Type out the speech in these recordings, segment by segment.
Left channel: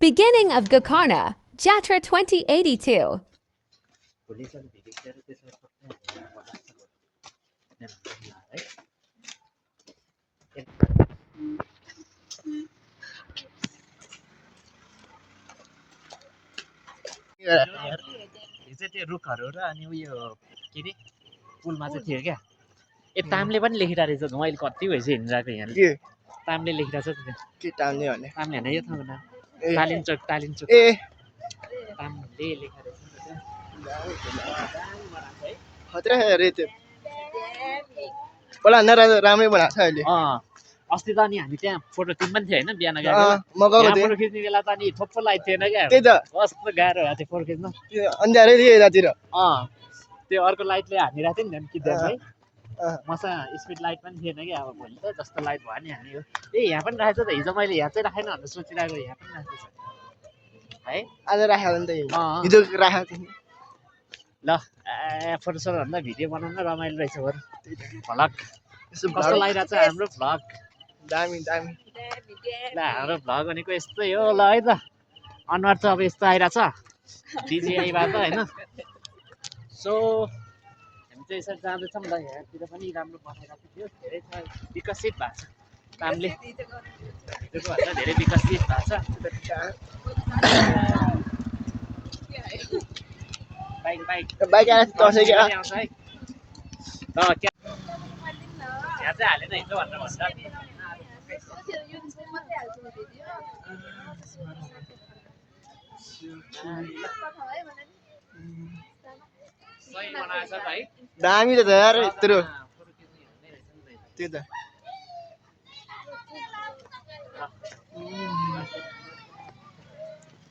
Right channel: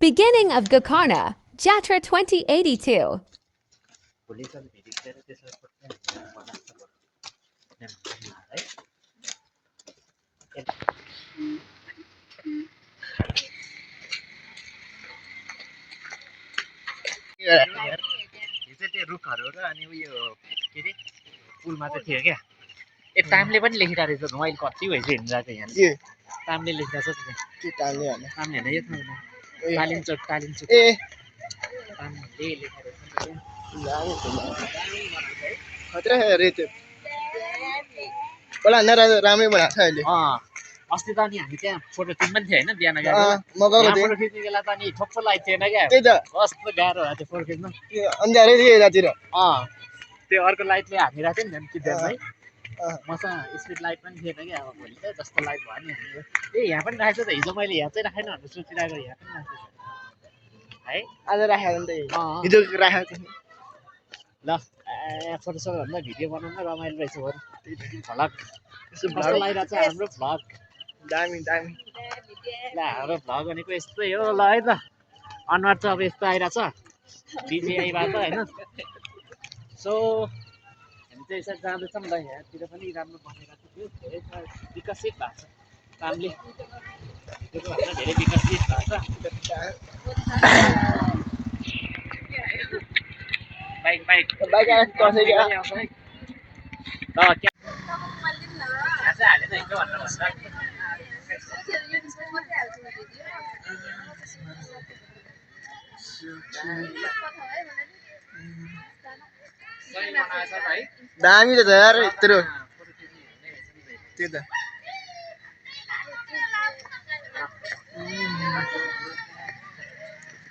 Beginning of Gokarna, Jatra 2082. रुखहरू र अनि उयो के अरे पुलमा चाहिँ थियो क्या ए टाइमले पनि लेखिरहेको रहेछ मैले कति भइसक्यो हिँडिरहेको यहाँ टाइमले लेखिरहेको छ त्यो टाइमले भने टाइम होइन यो ठाउँमा तालिन्चोक ए टाइमले लेखिरहेको खतरा रे त्यो पहिला भन्दा राम्रै बनाएको छ अहिले अस्ति त अनि हामी त्यहाँ फोटो खिच्नु पनि थियो होइन बिहान म गएको थिएँ फोटो खिच्ने बेला त अनि ठोक्क लाइट थिएन क्या त्यही त कस्तो गाह्रो भएको थियो फोटो खिच्न अन्धारै थियो यतातिर त्यो अर्को लाइटले हानिरहेको थियो नि झन् खिच्दा है मसा स्पिड लाइट पनि थिएन क्या अब भोलि त जस्तो लाइट भयो नि हामी ए यहाँ पनि राखेको छ त हिजो मैले यहाँ चाहिँ राखेन भनेर सोचिरहेको यहाँ पनि राखेको छ है आज राखेको नि त हिजो राखेको थिएँ ल फोटो सोटो भन्दा भिडियो बनाउन रमाइलो रहेछ बरु भ्लग कस्तो लागिरहेको छ हाम्रो भ्लग दामी दामी ल हाम्रो भ्लग भनेको यस्तै हो ल है त अनुहार चाहिँ अब यस्तो आइरहेछ डिजिआईबाट होइन सो हामी चाहिँ यसरी जाँदैछौँ ल यहाँतिर पनि राम्रो बनाइरहेको थियो धेरै विकसित भएको छ कामले भिडियोको भन्दा धेरै विकसित भएको छ बाइक बाइक बाइक आएर तसै क्या आउँछ है ल यहाँ चाहिँ हालेन हिजो भनेर भन्दा दामी त यार यत्रो त्यही त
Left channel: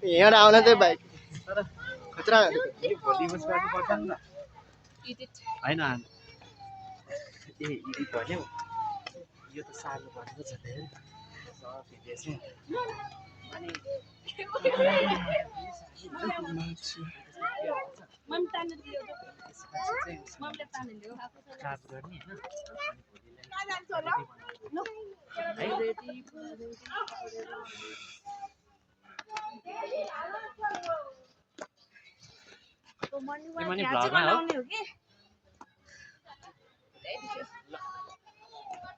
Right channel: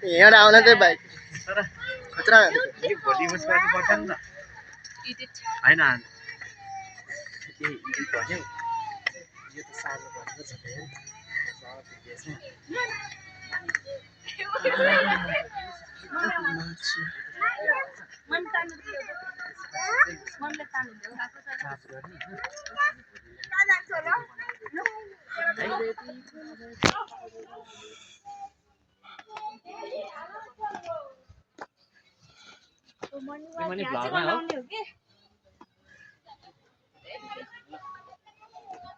यहाँ आउन चाहिँ बाइक खतरा भोलि उस गर्नुपर्छ नि त होइन ए भन्यो यो त सार्नु पर्ने छ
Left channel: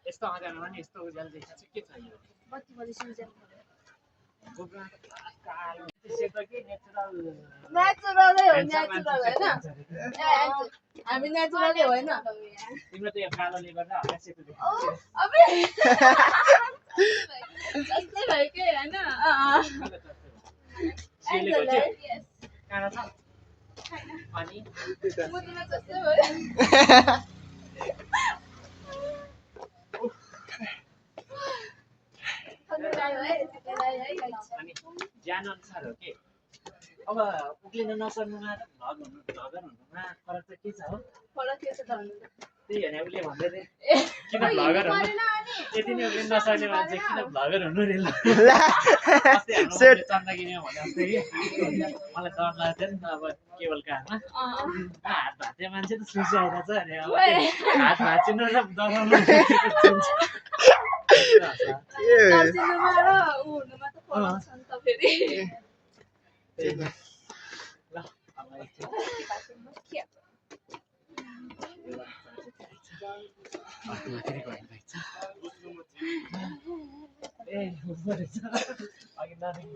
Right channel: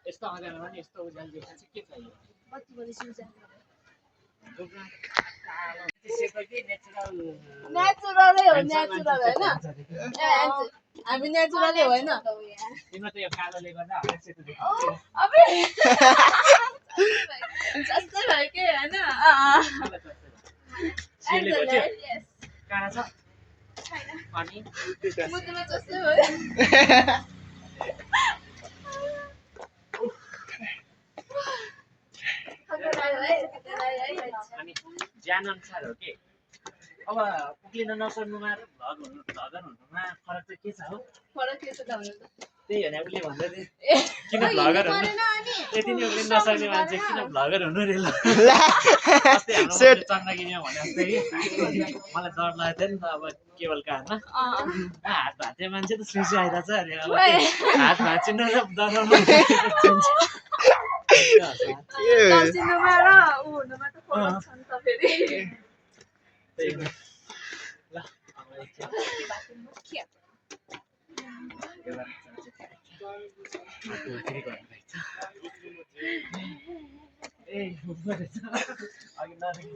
यस्तो आँगनमा नि यस्तो उज्यालो देखा चाहिँ के चाहियो नेचुरलै हो नेचुरल हैन हामी नेचुरलै होइन तिम्रो त यो कालोले गर्दा हल्का सेतो देखिन्छ अबे जस्तै भयो के हैन सिले गयो कहाँ छ पानी मुटुमा जस्तै भयो अनि ज्यान अनुसार हो के अब उक्लिन नसर्नुमा र भ्लगर हुनुमा फरक चाहिँ के छ हो फरक के छ त भन्नु त्यही होइन उसले भन्दै थियो किन भ्लगर हुनु यति नै उक्लिन नसक्ने मान्छे किन भ्लगर हुनु रे ल अस्ति हाम्रो चन्द्रगिरीमा भने जस्तै मलाई डर लागेको थियो नि त अब केवल कानमा हात भाँच्ने मान्छे त सुसी आइरहेछ अरे अब हात भाँचिनु र डराउनु सिनुमा र उ हुनुमा त फरक छ नि त फेरि ल अब एकछिन ए अघि नदेखि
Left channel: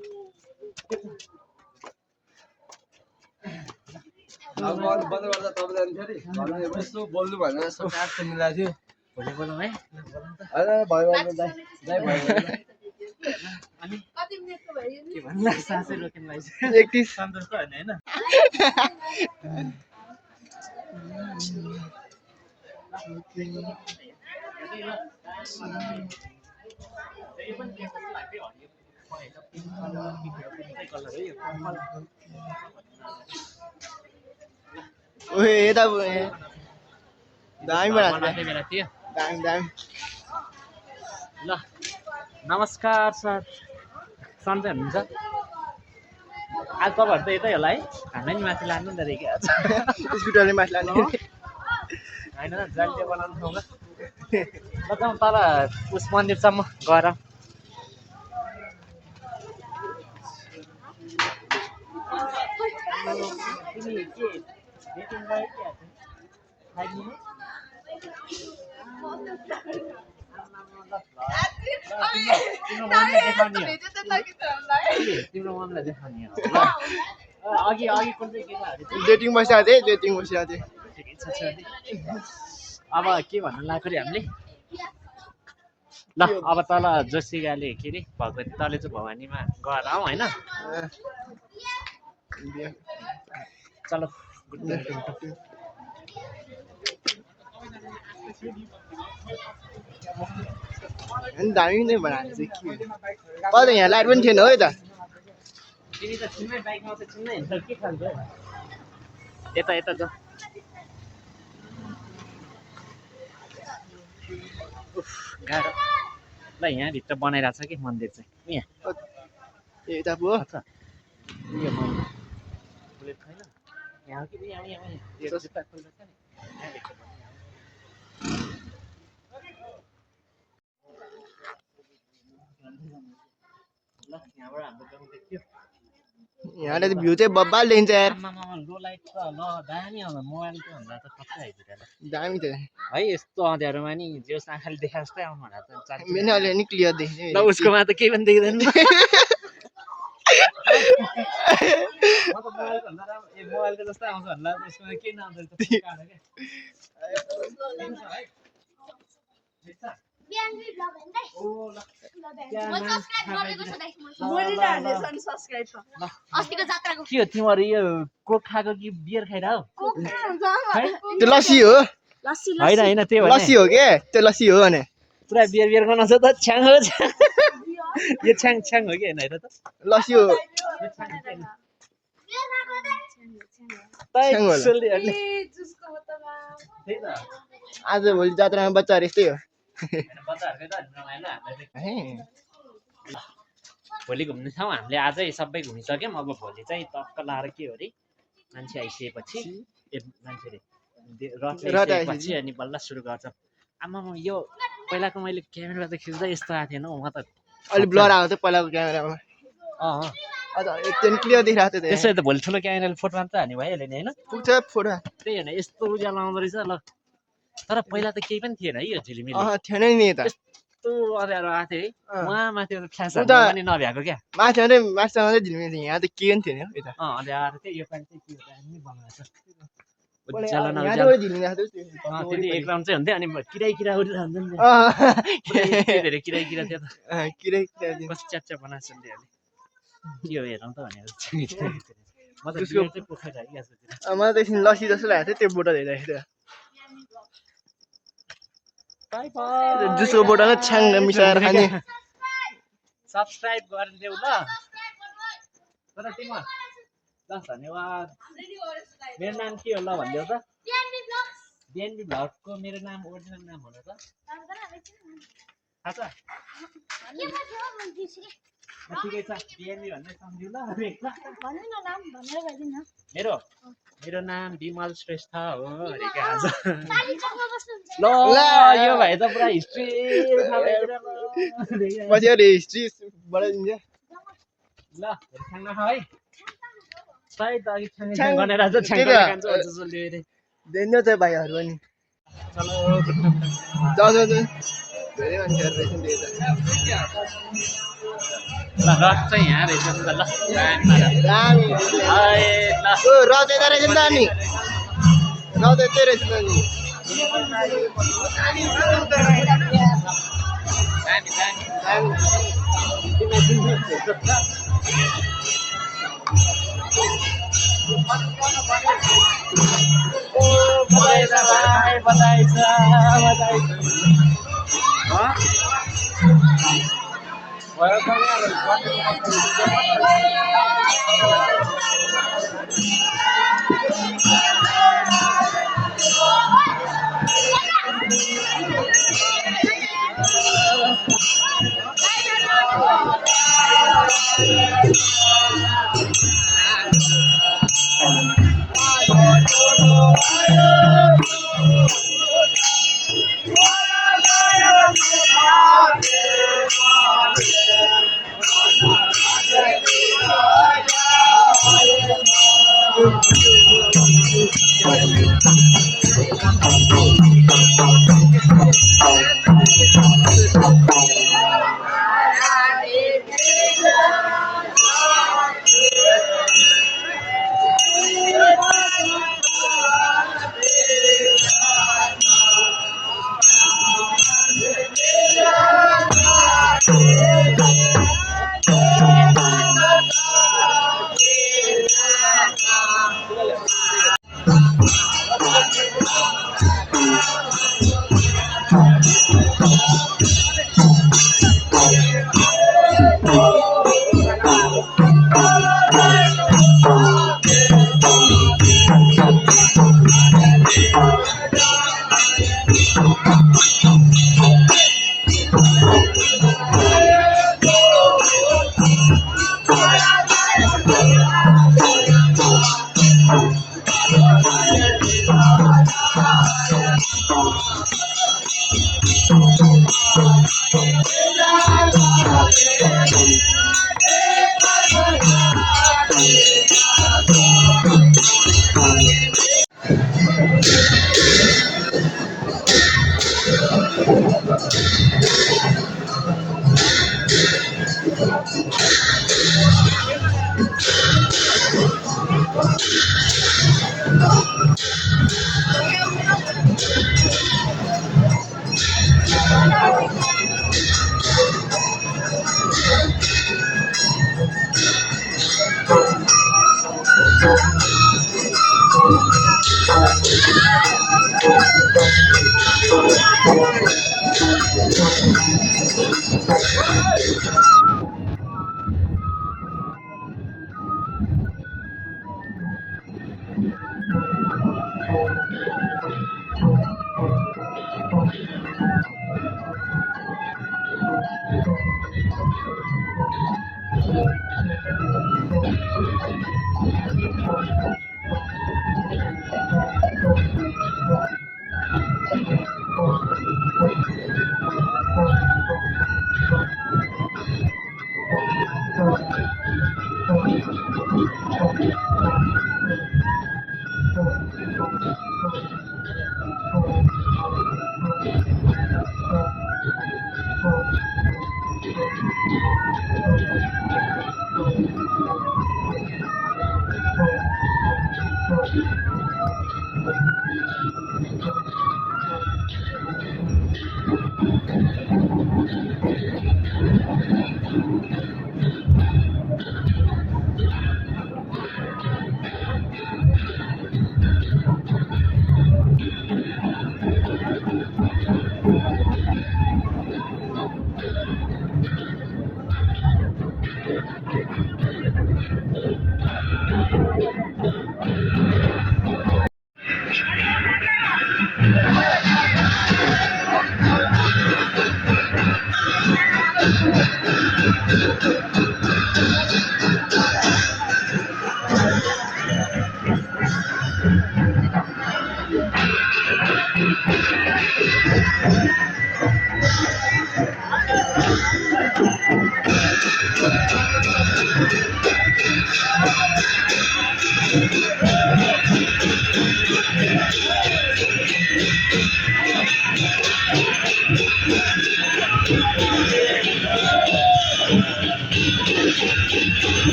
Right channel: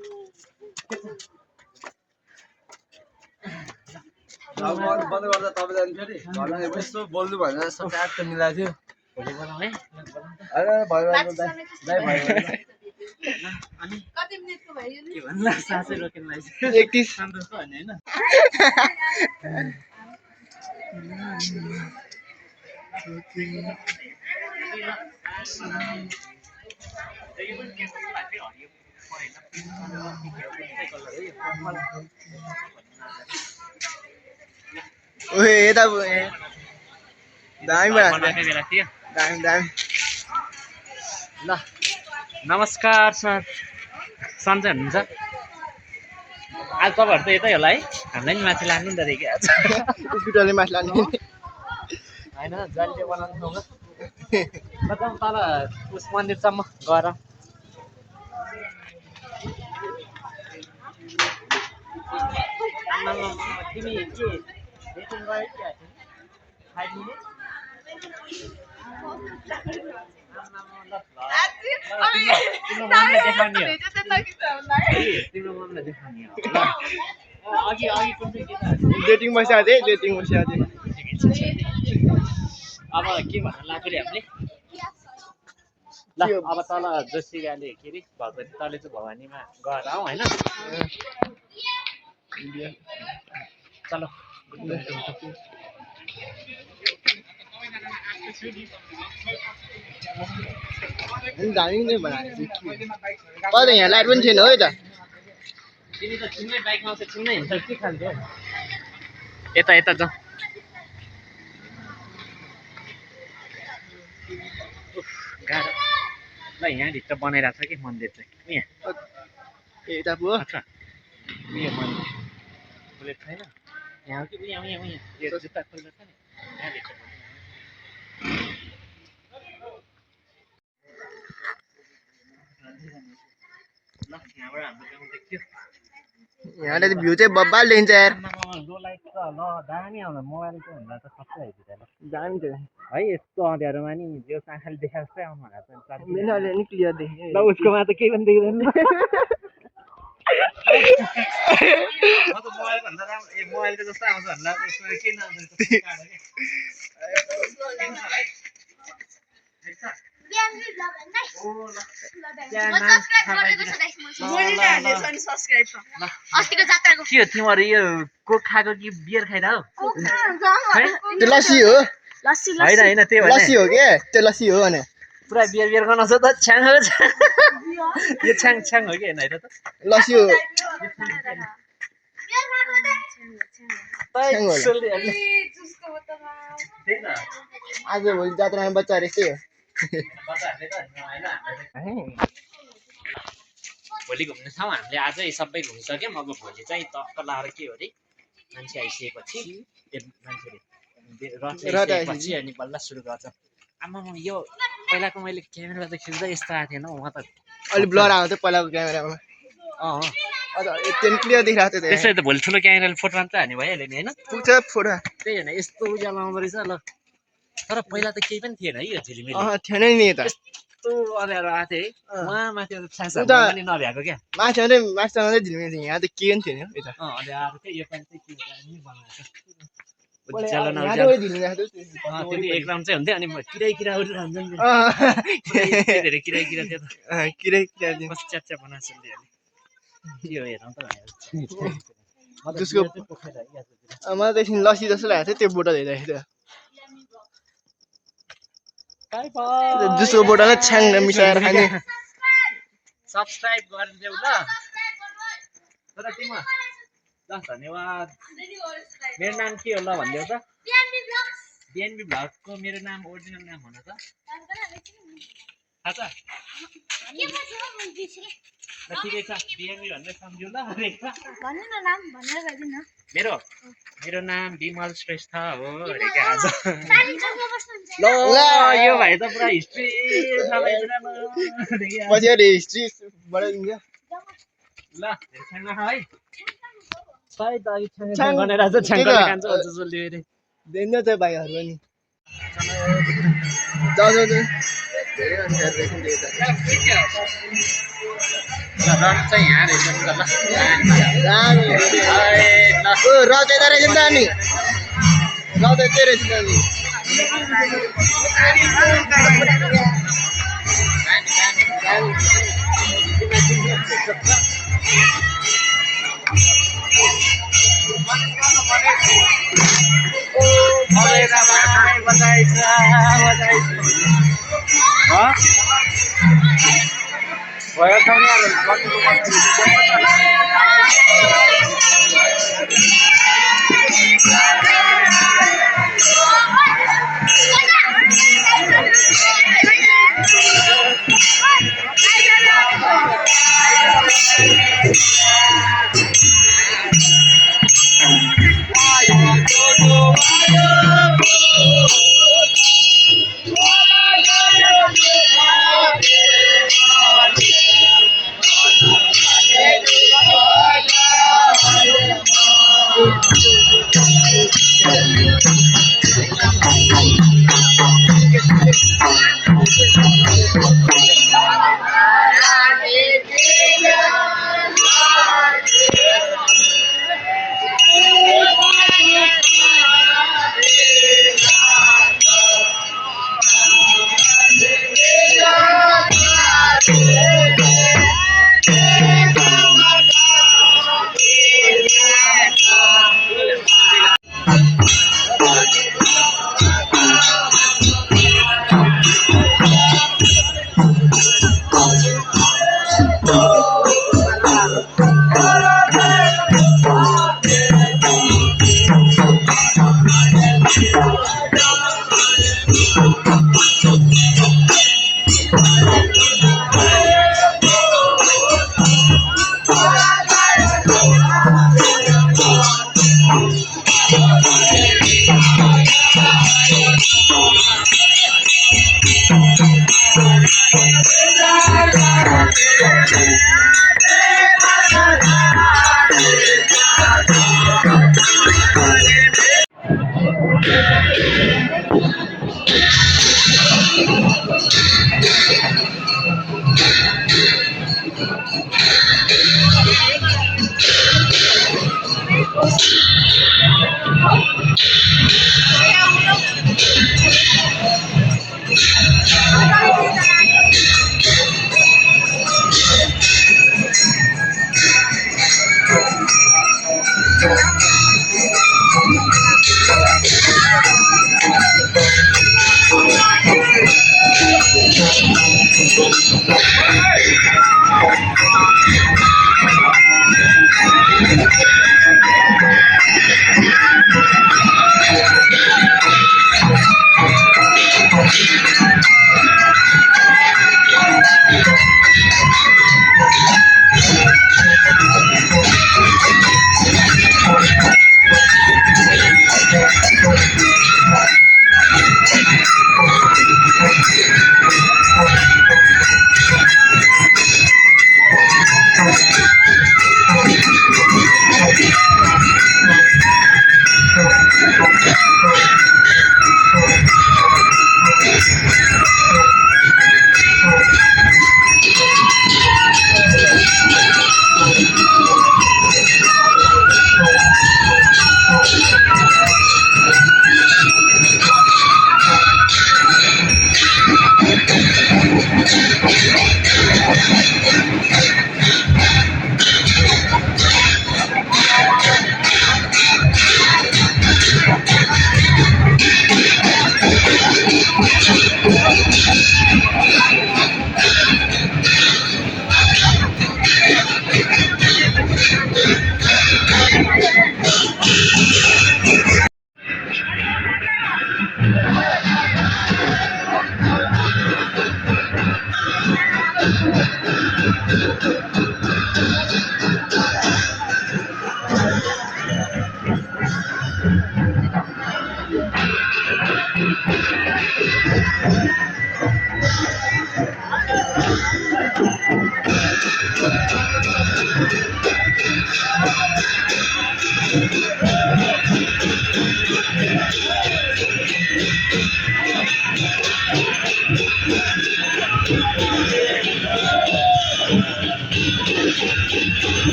बन्द गर्दा तपाईँ फेरि यसो बोल्नु भनेर यसो काट त मिलाएको थियो भोलि बोलाउँ है अनि कति मिनेटको भयो नि के भन्ला सासै रोकिन लाग्छ 31 सन्तोष त होइन ओए यता दामी बनाएको बेला थियो दामी दामी ल नमस्कार सर सन्चै हुनुहुन्छ आज तपाईँहरू त यतै होला है हामीलाई नि माथि लानु नि त देखि स्कुटरले माथि लाने होइन जहिले बनाउनु ठाउँमा ल जाउँ तल उस मन्दिरसम्म गएर तिमी के डेटिङ गयो कि 5 मिनेट तिम्रो मनलाई देखाउने हो तिम्रो मनलाई देखाउने हो अघि अघि कुन चाहिँ गीत डेटिङ बसिरहेको थिएँ डेटिङ बसिरहेको थिएँ अब के भन्न लाग्यो रे हामीले ल अब तल जोसिकाले के अरे भगवती तले चाहिँ भवानीमा गएर आउँ होइन चलो दामी नै बनाएको चाहिँ के कहिले यहाँ लाइट पनि थिएन हो त तिमी त छिन्नै बाइकमा आउँछ छिन्नै हिँड्छ के खान्छौ यता यता जाउँ गाह्रो ल यहाँभित्र बनाइरहेको छ कि मन्दिर चाहिँ यहाँ यता पो अच्छा उयो मन्दिर बुलेट छैन यहाँ कि यहाँ यहाँ यहाँ यो जुत्ता खोल्दा छ नि यहाँभित्र ल यहाँबाट हाम्रो गाउँ देख्यो यहाँले भ्यू चाहिँ बब्बाल देखिन्छ यार लो लाइट त ल दामी आउँछ मोबाइलको भन्दा त खत्रै आइपुग्यो दामी त है यस्तो अँध्यारोमा नि जो आँखाले देखा जस्तै आउनु होला त मेरो अलि नि क्लियर देखिन्छ ल उसकोमा त केही पनि देख्दैन म त मोबाइल भन्दा मोबाइलको जस्तो आउँछ होला उसमा के नाम अस्तिको जात्राको के हो तिमीहरू यो कोक खाएको कि बियर खाइरह त्यो लस्सी हो होइन होइन त्यो लस्सी हो के त्यो लस्सी हो भने पुरा बियर बियर गर्नु छ त छ्याङ हो यो छ्याङ छ्याङ हो कि होइन हेर त लस्सी हो आज भोलि जात्रामा बच्चाहरू यस्तै हो भोलि घुम्ने ठाउँ हामीले आजै सबै घुमिसक्यौँ अब भोलि चाहिँ टक्क लाएर के हो अरे मान्छे आइसकेपछि आइसकेपछि अनि बल्ल सुरु गर्छ आमा यो पहिलाको मैले क्यामेरा त खिच्दा यस्तो आएको थिएन म त अलिक ब्लर आएको थियो पहिलाको क्यामेरामा त्यो क्लियर देखिरहेको थियो त्यसै त भोलि ठुलो क्यामेराले फोटो मात्रै हान्ने भइहाल्यो नि होइन पुग्छ फोटो त्यही होइन यस्तो उज्यालो आउँदो रहेछ ल तर पहिला त केही पनि थिएन है यो झिलिमिली थिएन नि त यस्तो अँध्यारो आएको थियो है उहाँ माथि फ्ल्यास उता पनि नभ्याएको क्या माथि मात्रै माथि झिल्मी थियो यहाँ त के पनि थिएन यता अँध्यारो थियो यो पालि चाहिँ के दामी बनाएको यहाँबाट झिल्मिरहेको थियो त्यो एक राउन्ड चाहिँ हुन्थ्यो अनि किराई किरा उडिरहन्छ नि धेरै किराई किरा थियो त किरै कस्तो च्याप्चा बनाएको छ नि के हो हेरौँ त भनेर मलाई त एकछिन लस्सी जस्तो लागेको थियो त्यो बोतल हेर्दाखेरि जुसको बोतल छ्याङ मिसाएर खाने सब्सक्राइब गरिदेऊ ल तर तिम्रो ल धन्यवाद मेरो नाम के हो ल भनिदेऊ त बिएनबी भ्लगको मेरो नाम ओरिजिनल नाम हो न त थाहा छ ठिकै छ बिएनबी भनेर सम्झिउ ल मेरो मेरो नाम विमल श्रेष्ठ हो अरे क्या आज ल यो भाइ त पुरा हिस्ट्री पछि अरे हिस्ट्री बढाइदिन्छ ल धेरै छाङ नखा है सायद अघि छाङ गनेर आज छाङ खान्छ जसले अरे देख्नु त भाइहरू पनि जाऊ जाऊ जाऊ धेरै मान्छेहरू रहेछ नि त्यता ल रथ चाहिँ यहाँ रहेछ नि त ल दामी ओ रथ यता रहेछ नि त अनि रथ यतै रहेछ नि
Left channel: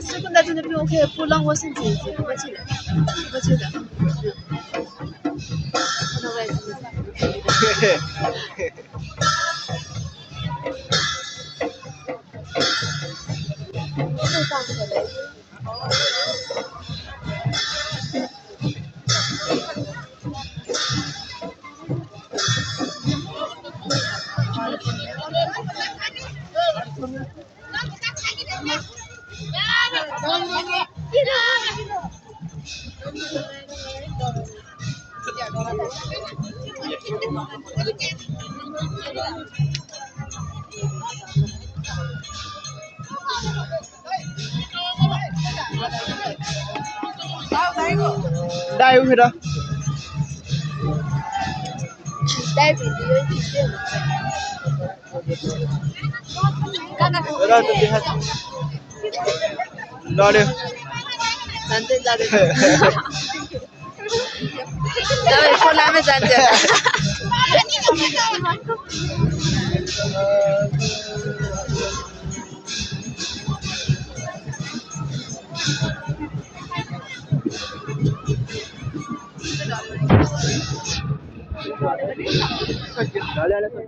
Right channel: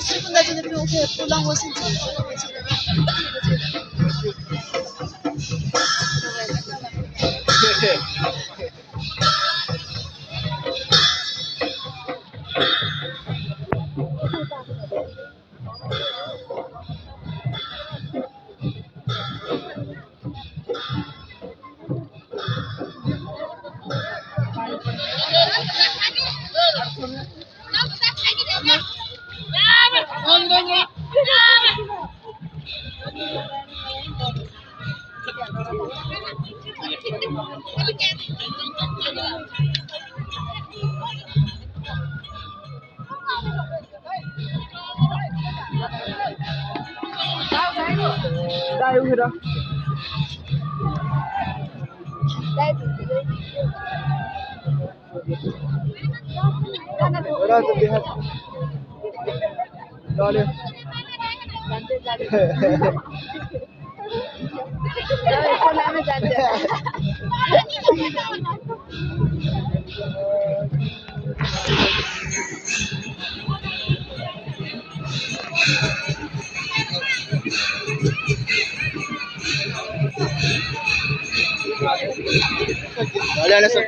10分在这边我可以不让我身体不记得，不记得。Đây uống đó. Đây vì Đó tôi đi hết. Đó đi. Zandet zadet. Ya kolame zandet. Dale, dale, dale.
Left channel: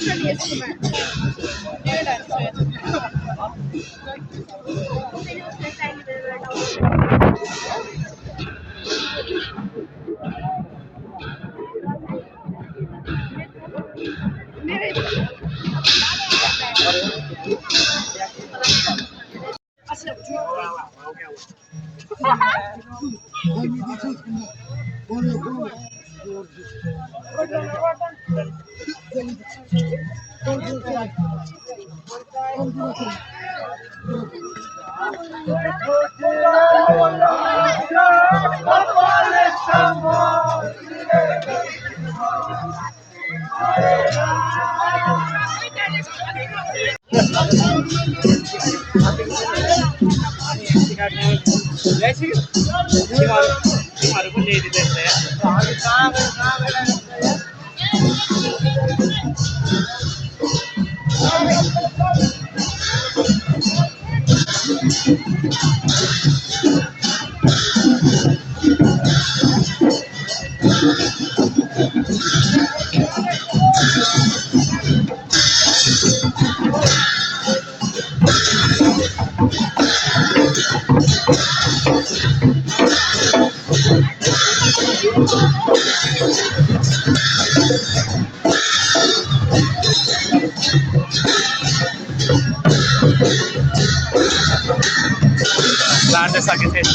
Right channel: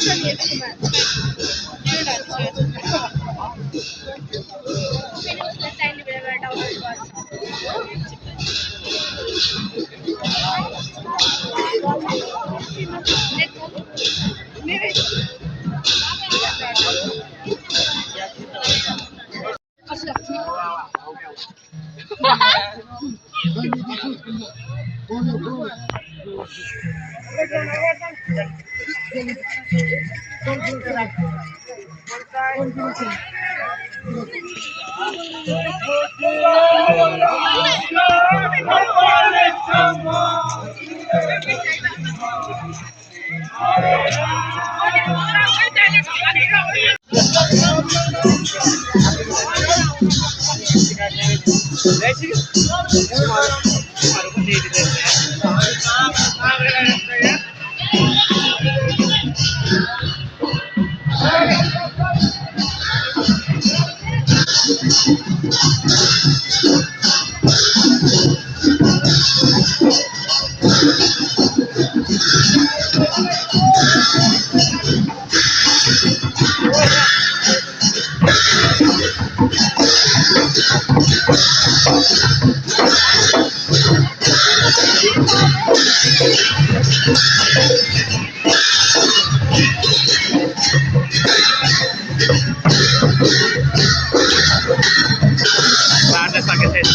说你也出门，有点吃。Nerede sakit et.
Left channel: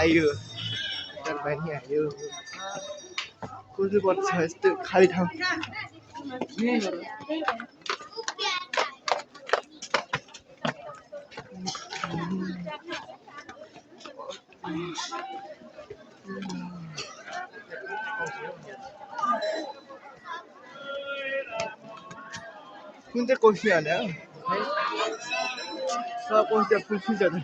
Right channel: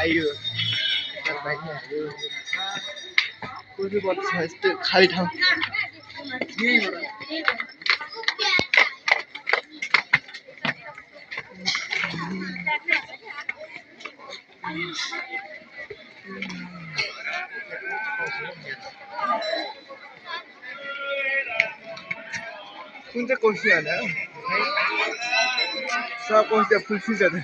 आयो terbaiknya ayo kursi buat saya itu kali ठाउँ कुन चाहिँ कोसी होला सब कोसी फुल सिजन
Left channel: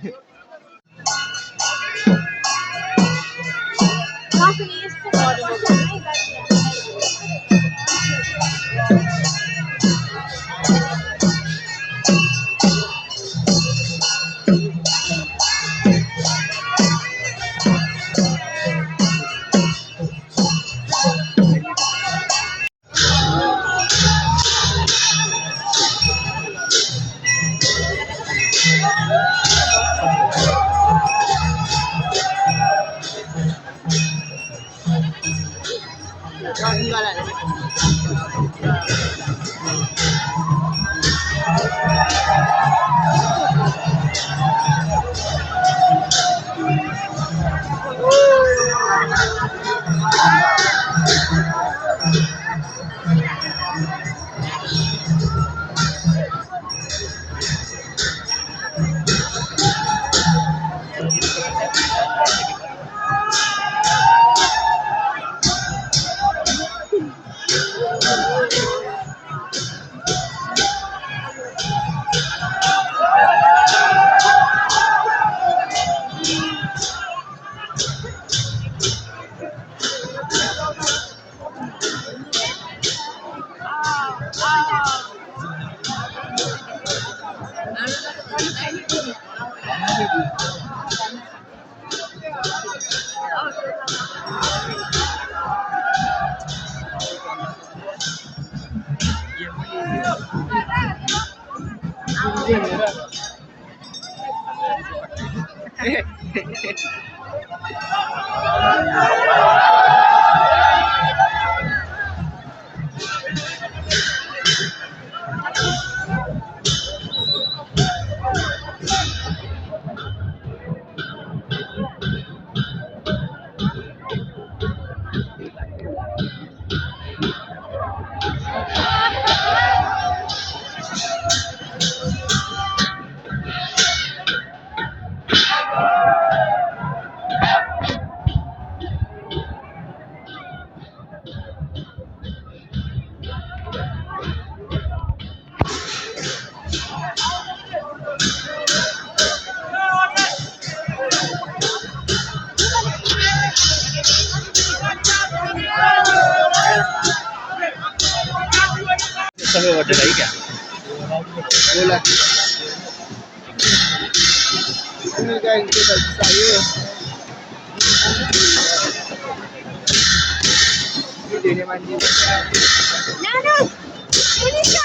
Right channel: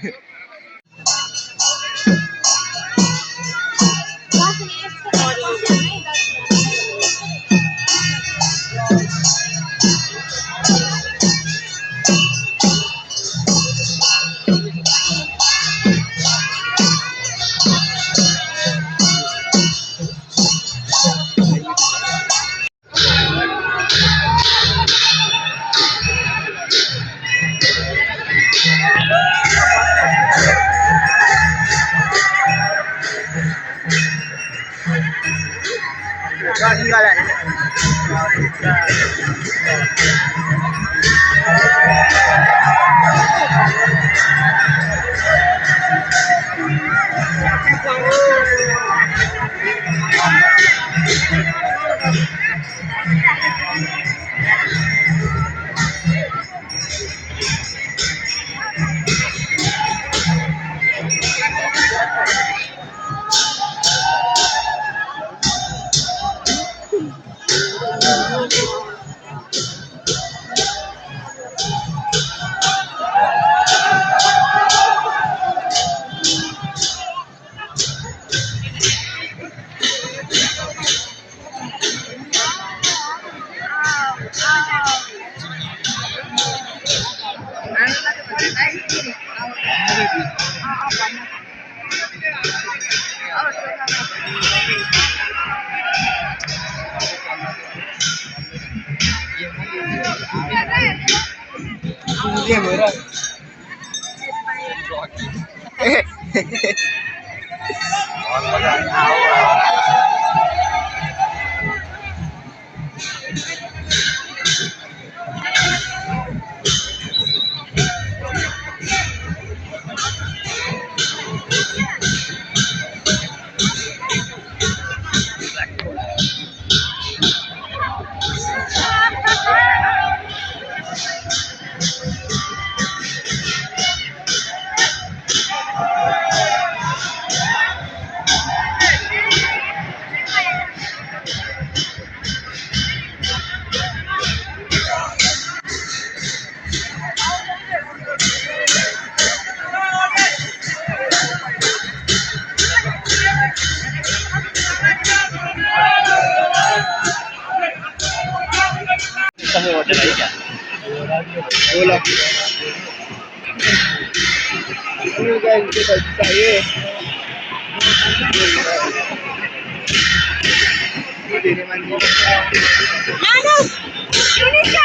सबै होटल है क्या बोला ini guys kita saya ini mandi Indonesia